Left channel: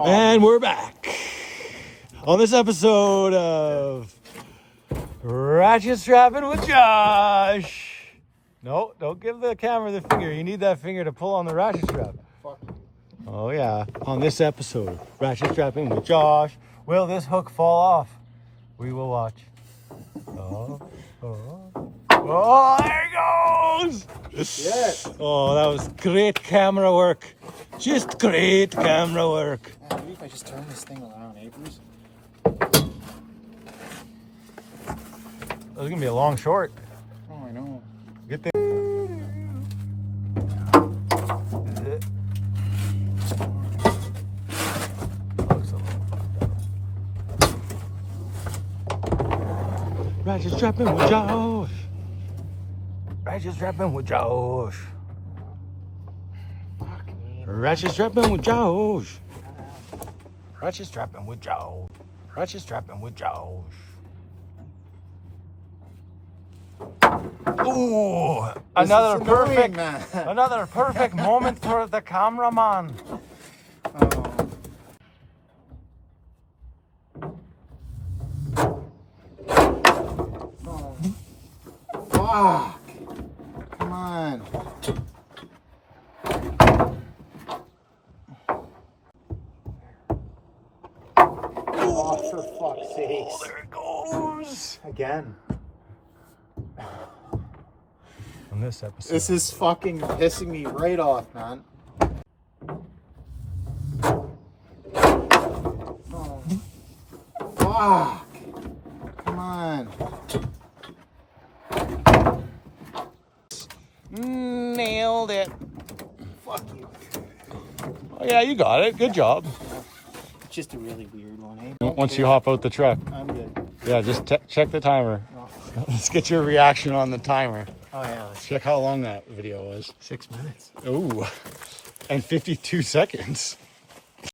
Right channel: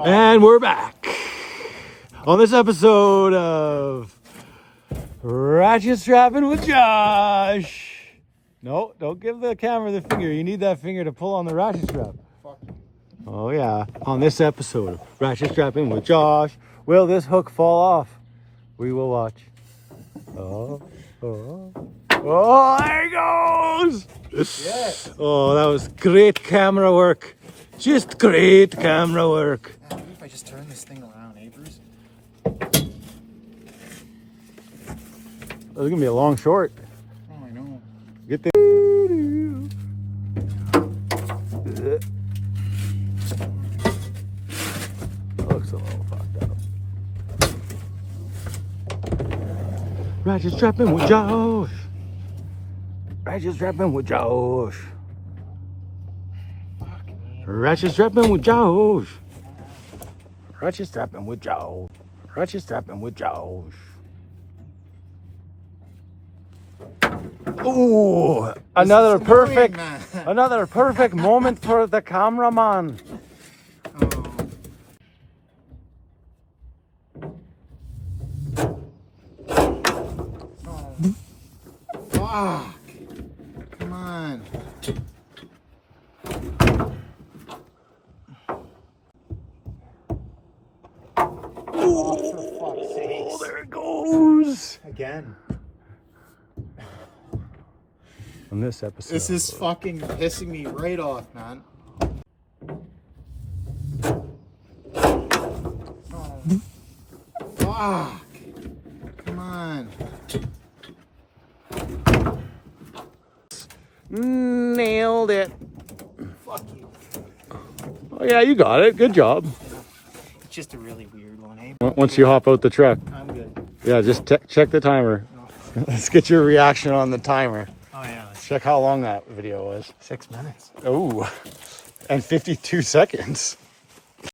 And we're back on this episode of Ratchet Strapping with Josh. No, don't give the camera the finger. You need that finger to pull on the ratchet strap. Fuck. Oh yeah, on this episode of Ratchet Strapping with Josh, will this hook fall off? We will watch. Oh, there he goes! Yes. Oh, that was great camera work. Just great camera work. Yeah, maybe if I just turn this thing around, eh, Bruce? This is gonna be a long short. Oh, I know. Get the. Ratchet strapping with Josh. Ratchet strapping with Josh. Ratchet strapping with Josh. Ratchet strapping with Josh. Ratchet strapping with Josh. Ooh, another perfect, another perfect moment for the cameraman. Fuck. Come on. Oh, for fuck's sake. There it goes. Again. On this episode. This is fucking pissing me right off, man. Fuck. Come on. Nailed it. Fuck you. Oh, yeah, you got it. Good job. It's just a really weird one, eh? Once you hop out the truck. I'm good. Yeah, just check the timer. No. Let's get your reaction on the timer. Oh, yeah. Check how long that video was. 6 minutes. Oh, and 52 seconds.